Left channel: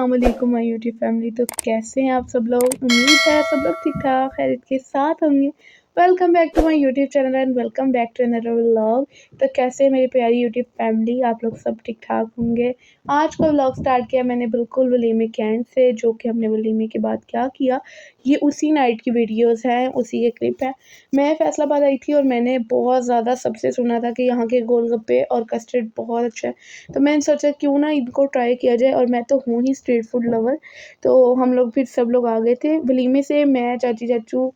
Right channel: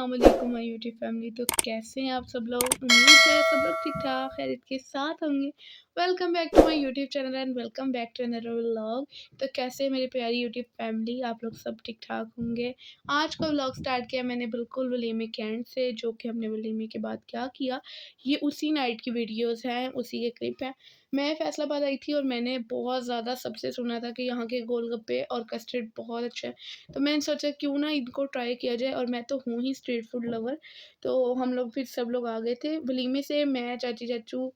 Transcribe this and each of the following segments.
अस्सलाम वालेकुम my YouTube family. तो कैसे हैं आप सब लोग? उम्मीद है सब लोग ठीक ठाक खैरियत के साथ होंगे। Welcome back to my YouTube channel and welcome back to another vlog. तो कैसे है मेरी प्यारी यूट्यूब फैमिली? आप लोग सब ठीक ठाक होंगे। आज का व्लॉग स्टार्ट किया मैंने बिल्कुल वलीमे के एंड से, जो कि हमने वलीमे के बाद क्या किया ये उसी नाइट की वीडियोज़ हैं, उसी के क्लिप है। मैं फैसलाबाद आई थी और मैंने बहुत ज़्यादा सबसे सुना था कि यहाँ के गोलगप्पे और कस्टर्ड बहुत अच्छा है, तो मैंने सोचा क्यों ना इनको ट्राई किया जाए। और मैं तो हूँ ही स्ट्रीट फूड लवर। तो हम लोग फिर सब लोग आ गए थे वलीमे से, मैं, चाची चाचू,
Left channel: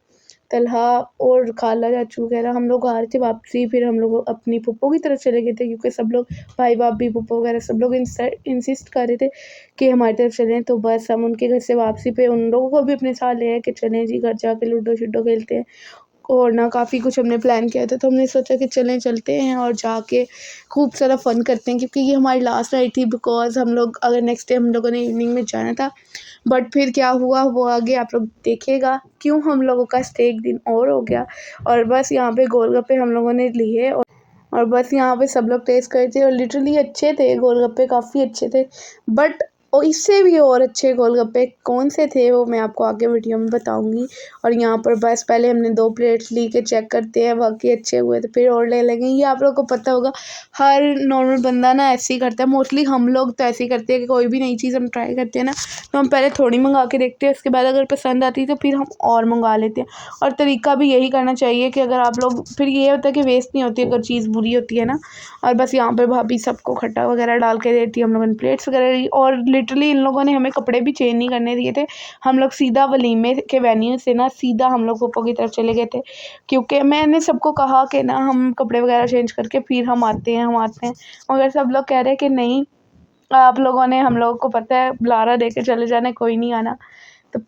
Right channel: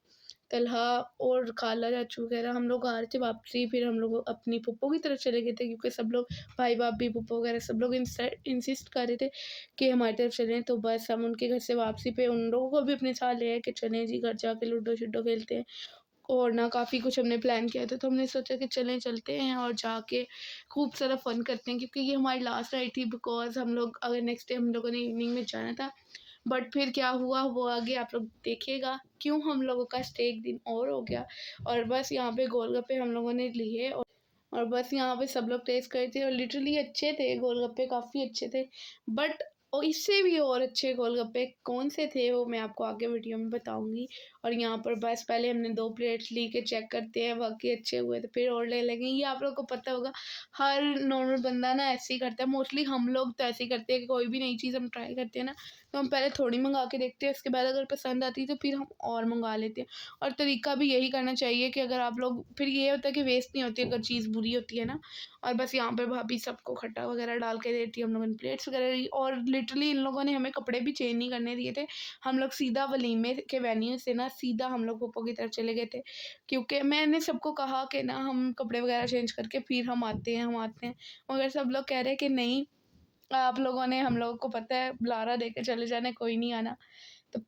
तलहा और खाला चाचू वगैरह हम लोग आ रहे थे वापसी। फिर हम लोग अपनी पुप्पो की तरफ चले गए थे क्योंकि सब लोग भाई भाभी पुप्पो वगैरह सब लोग इंसिस्ट कर रहे थे कि हमारी तरफ चलें। तो बस हम उनके घर से वापसी पे उन लोगों को भी अपने साथ ले आए कि चलें जी घर जाके लूडो शुडो खेलते हैं। और ना काफ़ी कुछ हमने प्लान किया था, तो हमने सोचा कि चलते हैं और जाके खूब सारा फ़न करते हैं, क्योंकि ये हमारी लास्ट नाइट थी। बिकॉज़ हम लोग अगर नेक्स्ट डे हम लोगों ने इवनिंग में जाना था, बट फिर क्या हुआ वो आगे आप लोग देखिएगा क्यों हम लोगों का स्टे एक दिन और हो गया। और बस यहाँ पे गोलगप्पे हम लोगों ने लिए और बस यहाँ पे सब लोग टेस्ट करे थे और लिटरली अच्छे थे गोलगप्पे, काफ़ी अच्छे थे। बट और इससे भी और अच्छे गोलगप्पे कौन से थे वो मैं आपको आगे वीडियो में बताऊंगी। और यहाँ पर बस पहले हमने 2 प्लेट्स ली के चेक करते हैं, बाकी अच्छे हुए तो फिर और ले लेंगे। ये आप लोगों को पता होगा, हर नॉर्मल बंदा ना ऐसे ही करता है। मोस्टली हम लोग तो ऐसे ही करते हैं कि कोई भी नई चीज़ हम ट्राई करते हैं ना, तो हम पहले थोड़ी मंगा के देखते हैं, उसके बाद अगर पसंद आती है तो फिर हम और मंगा लेते हैं। और तरीका भी यही करना चाहिए कि अगर आप लोग, फिर ये होता है कि वेस्ट नहीं होती अगर चीज़ बुरी होती है ना। और बस यहाँ पर भाभी सबको खट्टा वगैरह डाल के देती है, हम लोगों ने प्लेट्स वगैरह ली। और लिटरली इन लोगों ने हमें कपड़े भी चेंज नहीं करने दिए थे। हम लोग सीधा वलीमे के वेन्यू से ना सीधा हम लोग पप्पो की तरफ चले गए थे, क्योंकि मैंने सबको कहा कि ना हम कपड़े वगैरह चेंज करके फिर हम आते हैं। मगर सब लोग कह रहे हैं कि नहीं, आप लोगों ने, हम लोगों को पता है बुलारा दे के चले जाने, कोई नहीं आना। तो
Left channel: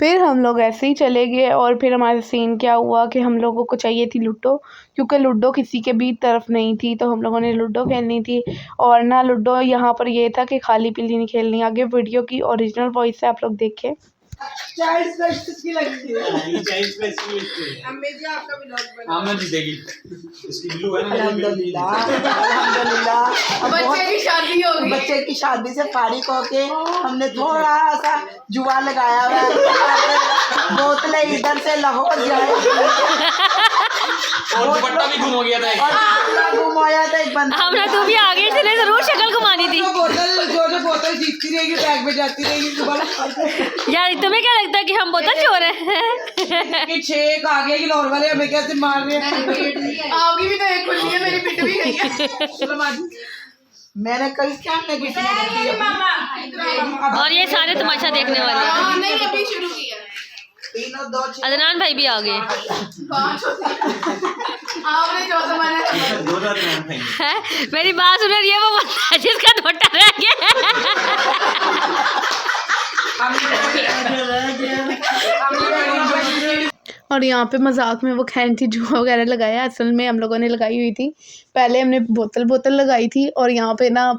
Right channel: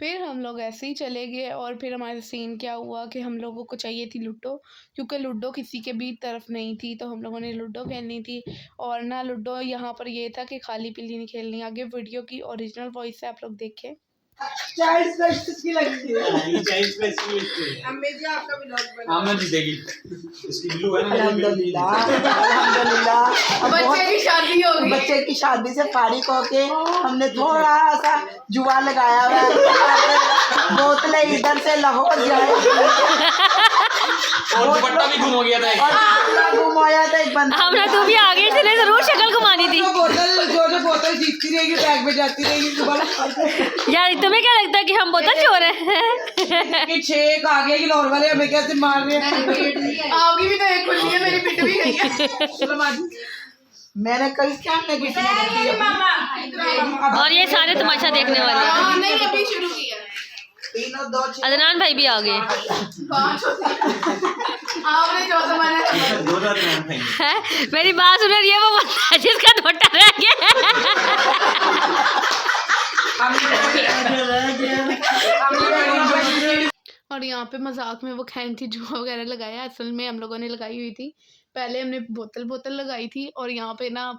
फिर हम लोग ऐसे ही चले गए। और फिर हमारा सीन क्या हुआ कि हम लोगों को चाहिए थी लूडो, क्योंकि लूडो किसी के भी तरफ नहीं थी, तो हम लोगों ने लूडो खेलनी थी। और ना लूडो यहाँ पर ये था कि खाली पीली नहीं खेलनी। आगे वीडियो की ओरिजिनल वॉइस है, आप लोग देखें। 40 प्लस की लगती है। 40 प्लस की लगती है। अम्मी जी आपका व्लॉग बना। हाँ मैं जीतेगी। इसकी ब्लू है ना। अल्हम्दुलिल्लाह अल्हम्दुलिल्लाह। बच्चे की शादी हो गई। बच्चे की शादी से फारिग होके हमने थोड़ा सा जुआ लगाया हुआ है। बोतलें इधर से लाहौर जाए और दुपट्टा भी गुम हो गया था। गुम हो गया था एक बंदा। हमने तो भी आगे चले जरूर शक्ल घुमानी थी। बोतल जीतती रहेगी, बैग में जाती रहेगी। यार तुम्हें क्या लगता है कि हम बोतल चोर हैं? कि 6 आ गए कि लाहौर वाले हमें कैसे मार रहे हैं। आपकी भी तो एक खुली है, मेरी पिट भी गई है। मैंने कल क्या और ये सारे तमाशा देखने वाले। नहीं अभी शुरू किया। अदनान भाई भी आ गए। मेरी बात सुन रही है वो बंदा जिसका दुपट्टा रह गया। और यहाँ पे मजाक में वो खैंटी जुआ वगैरह लगाया, असल में हम लोगों ने लगाई हुई थी। पहले हमने बोतल लगाई थी और यहाँ पे ना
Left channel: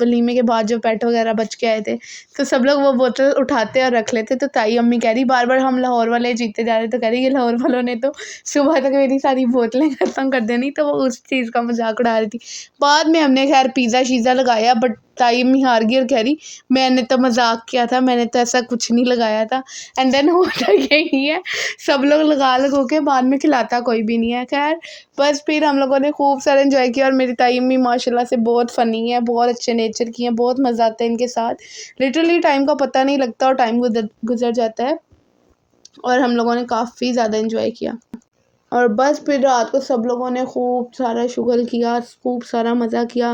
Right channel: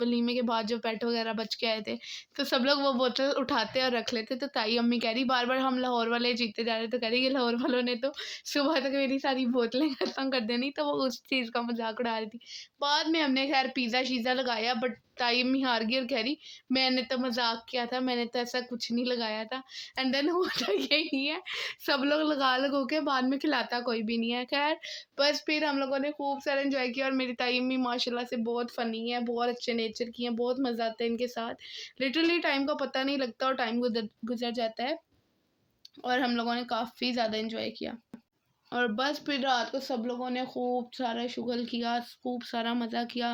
वलीमे के बाद जो पेट वगैरह बच के आए थे, तो सब लोग वो बोतल उठाते और रख लेते। तो ताई अम्मी कह रही बार बार हम लाहौर वाले जीते जा रहे, तो कह रही ये लाहौर वालों ने तो सुबह तक मेरी सारी बोतलें ख़त्म कर देनी। तो वो उस चीज़ का मजाक उड़ा रही थी। बाद में हमने खैर पिज़्ज़ा शीज़ा लगाया, बट ताई अम्मी हार गई और कह रही मैंने तो मजाक किया था, मैंने तो ऐसा कुछ नहीं लगाया था। एंड देन होता यही है, सब लोग लगा के बाद में खिलाता कोई भी नहीं है। खैर बस फिर हम लोगों ने खूब सारा एंजॉय किया। और मेरी ताई अम्मी माशाल्लाह से बहुत फ़नी है, बहुत अच्छे नेचर की हैं, बहुत मज़ा आता है इनके साथ। लिटरली टाइम का पता नहीं लगता और टाइम गुजर जाता है। और हम लोगों ने काफ़ी ज़्यादा एंजॉय किया। और बस फिर रात को सब लोगों ने खूब सारा शुगल किया, खूब सारा मज़ा किया,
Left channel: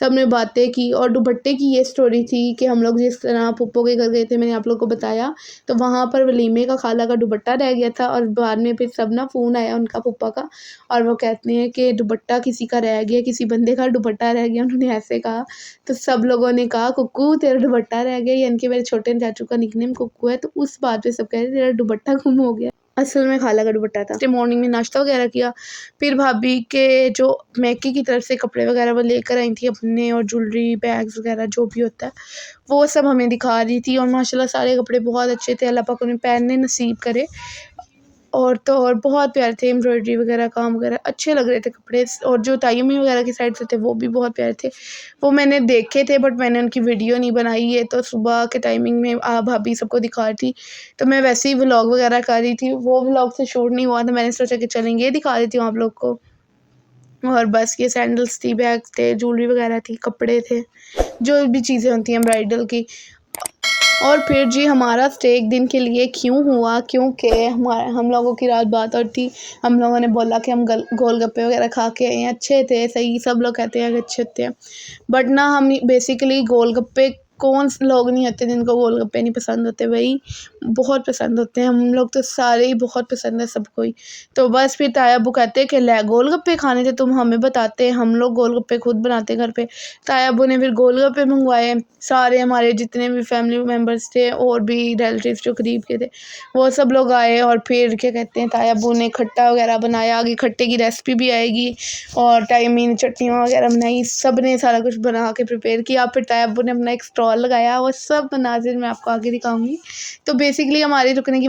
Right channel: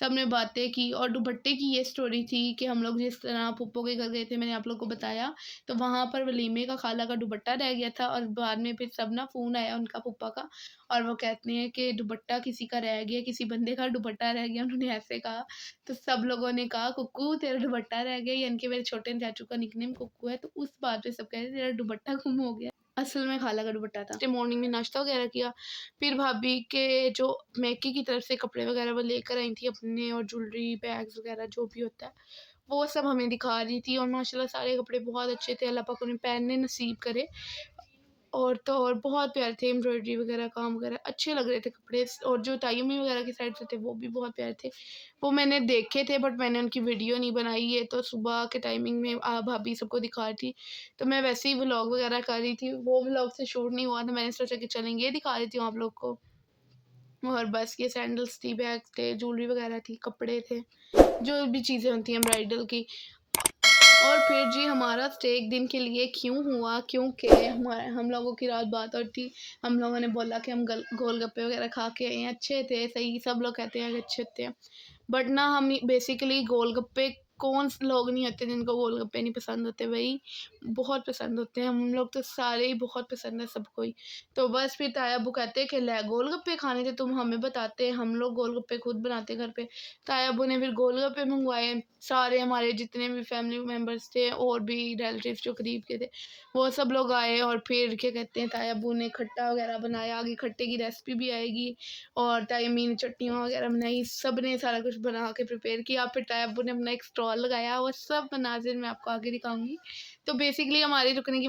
सब ने बातें की। और दुपट्टे की ये स्टोरी थी कि हम लोग जिस तरह पुप्पो के घर गए थे, मैंने आप लोग को बताया, तो वहाँ पर वलीमे का खाला का दुपट्टा रह गया था। और बाद में फिर सब ना फ़ोन आया उनका पुप्पा का, और वो कहते हैं कि दुपट्टा किसी का रह गया, किसी बंदे का दुपट्टा रह गया, उन्होंने ऐसे कहा। तो सब लोगों ने कहा कुक्कू तेरा दुपट्टा रह गया, यानी कि मेरे छोटे चाचू का निकनेम कुक्कू है। तो उस बात पे सब कह रहे तेरा दुपट्टा गुम हो गया, असल में खाला का दुपट्टा था। तो मॉर्निंग में नाश्ता वगैरह किया, फिर भाभी के जो मैके की तरफ से कपड़े वगैरह वो लेकर आई थी अपने, और ज्वेलरी बैग्स वगैरह जो भी होता है वो सब हमें दिखा रही थी। और माशाल्लाह सारे कपड़े बहुत अच्छे थे, अल्लाह पाक उन्हें पहनने नसीब करे। और तो और बहुत प्यारे थे, एम्ब्रॉयडरी वगैरह काम वगैरह अच्छे लग रहे थे कपड़े। और जो तायमी वगैरह की साइड से थे वो भी बहुत प्यारे थे, वो मैंने देखे थे बट मैंने उनकी वीडियो नहीं बनाई है। तो सुबह के टाइमिंग में भाभी सबको दिखा रही थी, तो मैं वैसे ही व्लॉग वगैरह कर रही थी, वो व्लॉग से शूट नहीं हुआ, तो मैंने सोचा कि चलेंगे दिखा देती हूँ आप लोग को। और बस ये सैंडल्स थी, बैग्स थे, ज्वेलरी वगैरह थी, कपड़े थे, जो भी चीज़ें होती हैं ब्राइडल की। और फिर जी हमारा स्टे एक दिन के लिए क्यों हुआ, क्योंकि हम लोगों की रात बात और थी। हम लोगों ने बोला कि हम गोलगप्पे वगैरह खा के आए हैं, अच्छे थे, सही, सब लोग कहते हैं कि अच्छे थे। बट ना हम बेसिकली गोलगप्पे, कौन से लोग नहीं होते जिनको गोलगप्पे नहीं पसंद होते, वही बहुत पसंद होते हैं। हम लोग तो सारे ही बहुत पसंद है सबको ही। तो बस फिर ताया अब्बू कहते कि ले गोलगप्पे खाने थे, तुम हमें बताते, हम लोग गोलगप्पे खुद बनाते घर पे। ताया अब्बू ने फिर गोलगप्पे मंगवाए, सारे हमारे जितने भी फैमिली मेम्बर्स थे और भी रिलेटिव्स जो करीब के थे वो सब लोग आए। और फिर क्या कहते हैं, ताया अब्बू ने खट्टा वगैरह बनाया, आगे खट्टे की रेसिपी भी आएगी, और टाइमी ने चटनियाँ वगैरह बनाई, सब ने सारा कुछ बना के प्रिपेयर किया। फिर ताया अब्बू ने अपना एक स्टॉल लगाया, वो सब मनाजिर मैं आपको आगे दिखाऊंगी। तो बेसिकली हमारे रुकने की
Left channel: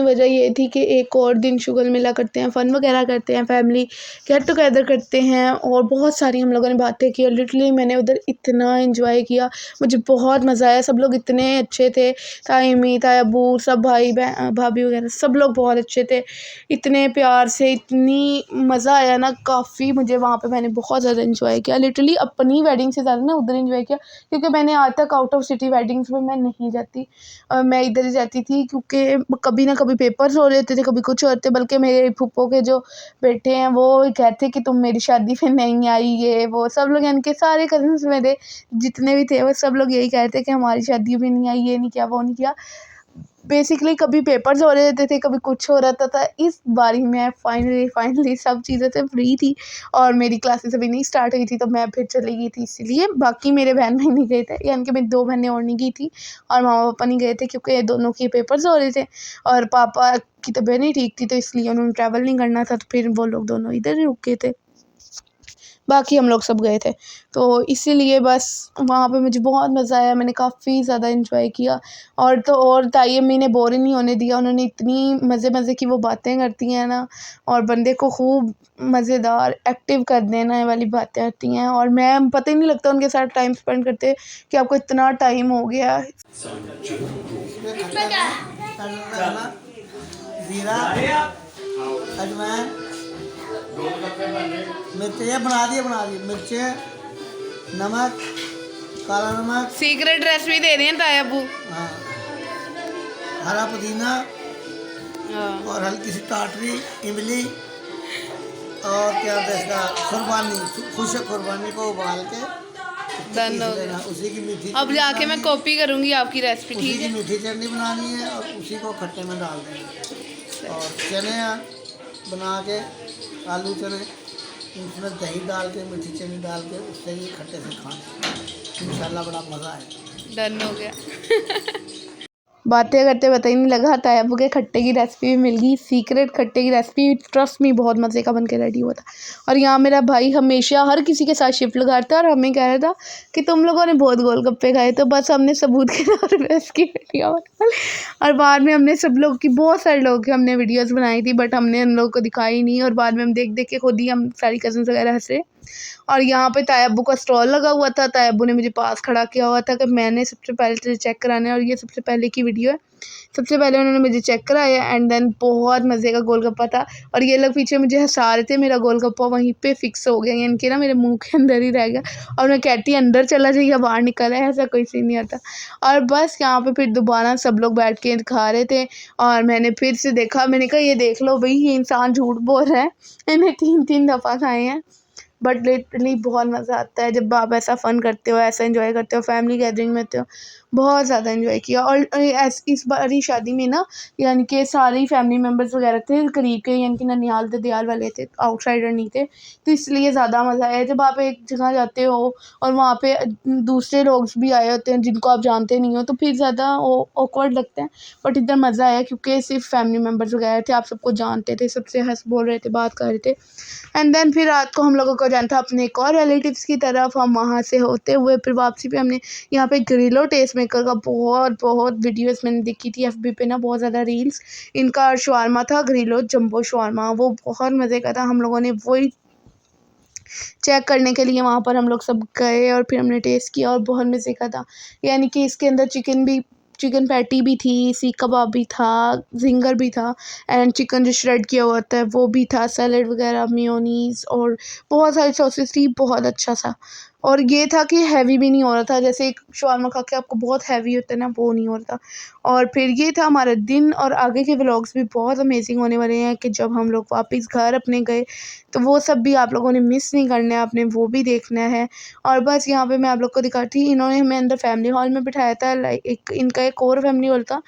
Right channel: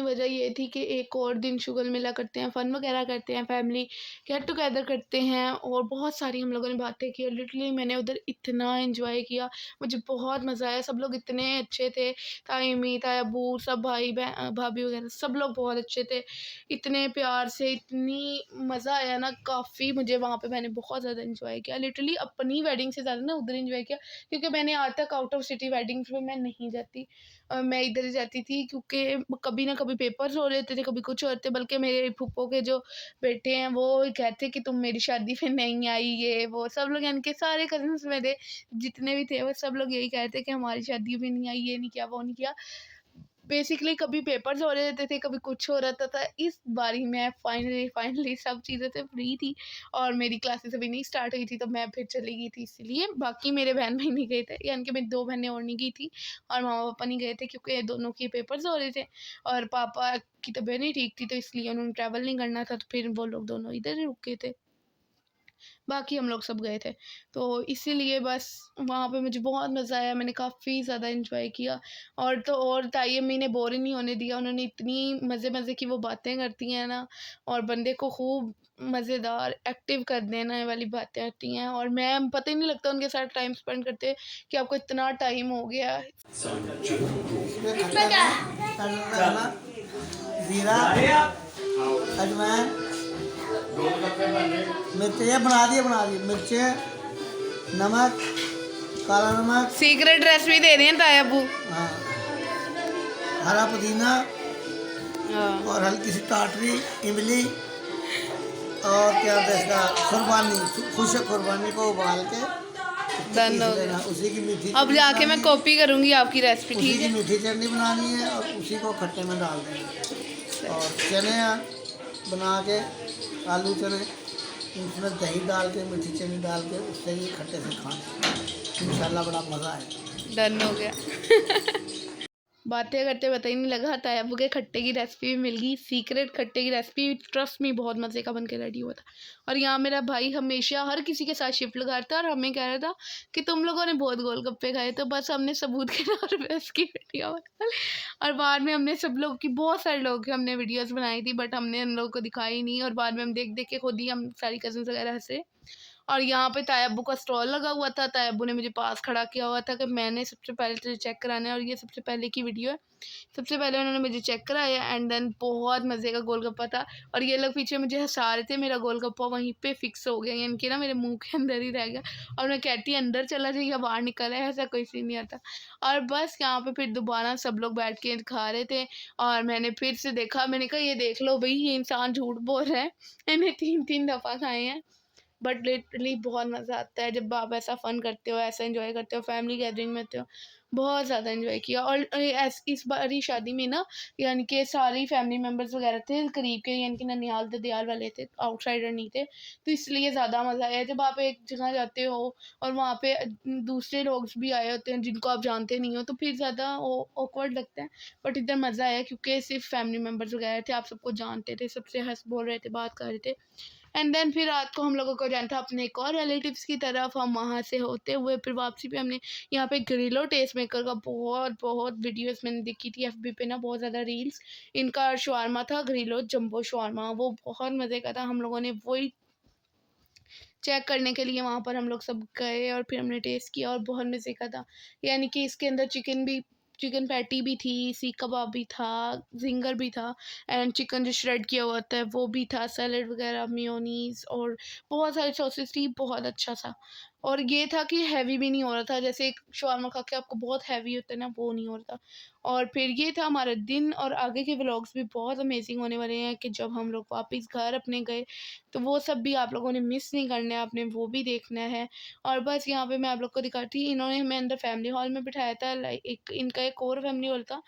वजह ये थी कि एक और दिन शुगल मेला करते हैं, फ़न वगैरह करते हैं, फैमिली गेट टुगेदर करते हैं, और बहुत सारी हम लोगों ने बातें की। और लिटरली मैंने उधर इतना एंजॉय किया, मुझे बहुत मज़ा आया, सब लोग इतने अच्छे थे, तायमी, ताया अब्बू, सब भाई भाभी वगैरह सब लोग बहुत अच्छे थे, इतने प्यार से, इतनी मज़ा आया ना, काफ़ी मुझे वहाँ पे मैंने बहुत ज़्यादा एंजॉय किया। लिटरली अपनी वेडिंग से ज़्यादा ना उधर एंजॉय किया, क्योंकि मैंने आज तक आउट ऑफ सिटी वेडिंग्स में मैं नहीं जाती, मैं इधर ही जाती थी, क्योंकि कभी ना कभी पेपर्स हो रहे थे, कभी कुछ होते। बल्कि मेरे फूफो के जो बेटे हैं वो कहते कि तुम मेरी शादी पे नहीं आई, ये वो सब लोग, यानी कि सारे कज़न्स मेरे जितने भी थे वो सब लोग यही कहते कि हमारी शादी भी नहीं आई, ये नहीं किया, वो नहीं किया। बेसिकली कभी पेपर्स हो रहे थे, कभी कुछ हो रहा था। इस बारी मैं फाइनली सब चीज़ें से फ्री थी, और मेरी क्लासेस अभी नहीं स्टार्ट हुई थी, तो मैं फिर चली गई थी। इसलिए बाकी मेरे बहन भाई नहीं गए थे, यानी कि मेरी 2 बहनें और नहीं गई थी, और मामा पापा नहीं गए थे, क्योंकि दोनों के पेपर्स हो रहे थे, और पापा की तबीयत नहीं ठीक थी, तो इसलिए उन्होंने ट्रैवल नहीं करना था, तो फिर वो लोग दोनों इधर ही रुक गए थे, बाकी हम लोग सब गए थे। तो इसीलिए बस वहाँ पे मुझे बहुत मज़ा आया, मैंने काफ़ी ज़्यादा एंजॉय किया। और तो और ताई अम्मी ने बोर ही नहीं होने दिया, उन्होंने इतनी मज़े की वो बातें करती हैं ना, और बंदे को खूब मज़ेदार एक्टिव कर देने वाली बातें आती हैं, और मैं पता ही नहीं लगता उनके साथ टाइम स्पेंड करते कि आपको इतना टाइम हो गया। जीरा, अजवाइन, मिर्च बना दिए, मिर्च, नमक, काला नमक, सीक्रेट रेसिपी दे रहे हैं ताया अब्बू। हाँ, हरा पुदीना, और हल्की सी टाटरी, इमली, और क्या होता है इसका, खुरबानी, खुशक खुरबानी को उबाल के डन हो गया। उसी की मीठी, अब जाके मैं कॉपी करूँगी आपकी रेसिपी, उसी ठीक की है। मीठी चटनी बनानी है, और उसी को खट्टे में डाल देंगे, और चने बना के, आलू चने, उसमें दही डाल के, मीठी चटनी डाल के, उससे ही खट्टे से खाना, इंशाल्लाह बड़ा मज़ा आएगा। डन हो गया। बातें करते पता ही नहीं लगा, ताया अब्बू के खट्टे की रेसिपी भी मिल गई, सीक्रेट खट्टे की रेसिपी, ट्रस्ट में बहुत मज़े का बन के रेडी हुआ था। और यहाँ मेरा भाई हमेशा हर किसी के साथ शिफ्ट लगाता है, और हमें कह रहा था कि तुम लोगों ने बहुत गोलगप्पे खाए, तो बस हमने सबूत के तौर पर इसकी वीडियो बनाई। और बाद में हमने सब लोग की, बहुत सारे लोग की हमने वीडियोज़ बनाई थी, बट हमने उन लोगों को दिखाई नहीं, और बाद में हम देख के खुद ही हम सारी कज़न्स वगैरह हंसे। और यहाँ पे ताया अब्बू का स्टॉल लगा हुआ था, ताया अब्बू ने मुझे पास खड़ा किया हुआ था कि मैंने सबसे पहले तुझे चेक कराना है, और ये सबसे पहले की वीडियो है। सबसे पहले उन्होंने मुझे चेक कराया, एंड देन बहुत मज़े का गोलगप्पा था, और ये लोग पीछे मुझे हंसा रहे थे, मेरा गोलगप्पा वहीं पे फिक्स हो गया, यानी कि ना मेरे मुंह के अंदर ही रह गया, और मैं कहती अंदर चला जाइए, बाहर निकल है, ऐसा कोई सीन नहीं आता। और बस यहाँ पे फिर दोबारा सब लोग बैठ के खा रहे थे, और मैंने फिर से देखा, मैंने कहा ये देख लो भाई, ये इंसान झूठ बोल रहा है, इन्हें 3 दफ़ा खाए हैं। बट लिटरली बहुत मज़ा आता है जब आप ऐसा फ़न करते हो, ऐसा एंजॉय करते हो, फैमिली गैदरिंग में होते हो, बहुत ज़्यादा एंजॉय किया। और इस बारी शादी में ना, यानी कि सारे फैमिली मेम्बर्स वगैरह थे करीब के, यानी कि ननिहाल ददियाल वाले थे, आउटसाइडर नहीं थे, तो इसलिए ज़्यादा मज़ा आया। जब आप एक जगह जाते हो और वहाँ पे दूसरे लोग भी आए होते हैं जिनको आप जानते नहीं हो, तो फिर ज़्यादा ऑकवर्ड लगता है। बट इधर मज़ा आया क्योंकि सिर्फ फैमिली मेम्बर्स वगैरह थे, आप सबको जानते थे, सबसे हंस बोल रहे थे, बात कर रहे थे। एंड देन फिर रात को हम लोगों को जाना था अपने एक और रिलेटिव्स की तरफ। हम वहाँ से होते हुए फिर वापसी पे हमने यहाँ पे ग्रिलो टेस्ट मेकर का बहुत वीडियोस मैंने देखी थी एफबी पे ना, बहुत ज़्यादा रील्स। इनका शवारमा था ग्रिलो जंबो शवारमा, वो बहुत मज़े का था। हम लोगों ने वही चेक करने के लिए वहाँ पर हम लोग सब गए और फिर हमने टेस्ट किया और बहुत मज़े का था। यानी कि इसके अंदर चिकन पैटी भी थी, सीख कबाब भी था, जिंगर भी था एंड चिकन जो श्रेड किया हुआ होता है वो भी था, सैलेड वगैरह, मेयोनीज़ और बहुत सारी सॉसेस थी। बहुत अच्छा सा, और ये था कि हैवी भी नहीं हो रहा था, जैसे एक शवारमा खा के आपको बहुत हैवी होता है ना, वो नहीं हो रहा था। और फिर ये था हमारा दिन, और आगे के व्लॉग्स भी बहुत अमेजिंग होने वाले हैं कि जब हम लोग वापस घर अपने गए तो वो सब भी आप लोगों ने मिस नहीं करना है, आपने वो भी देखना है। और बस यहाँ पे मैं आप लोग को दिखाती, इन्होंने हमें अंदर फैमिली हॉल में बिठाया था, लाइक इनका एक और फैमिली हॉल था।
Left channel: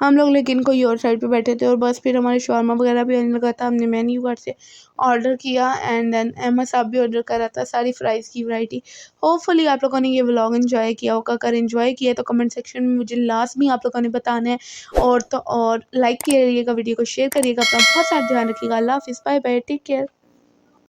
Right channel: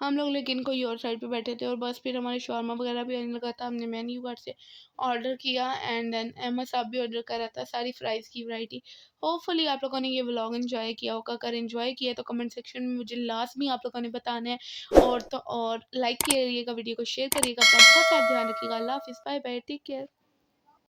हम लोग लेकिन कोई और साइड पे बैठे थे और बस फिर हमारे शवारमा वगैरह भी आने लगा था। हमने मेन्यू कार्ड से ऑर्डर किया एंड देन अहमद साहब भी ऑर्डर कर रहा था सारी फ्राइज़ की वैरायटी। होपफुली आप लोगों ने ये व्लॉग एंजॉय किया होगा। अगर एंजॉय किया तो कमेंट सेक्शन में मुझे लाजमी आप लोगों ने बताना है, और लाइक करिएगा, वीडियो को शेयर करिएगा, अपना बहुत सारा ध्यान रखिएगा। अल्लाह हाफिज़, बाय बाय, टेक केयर।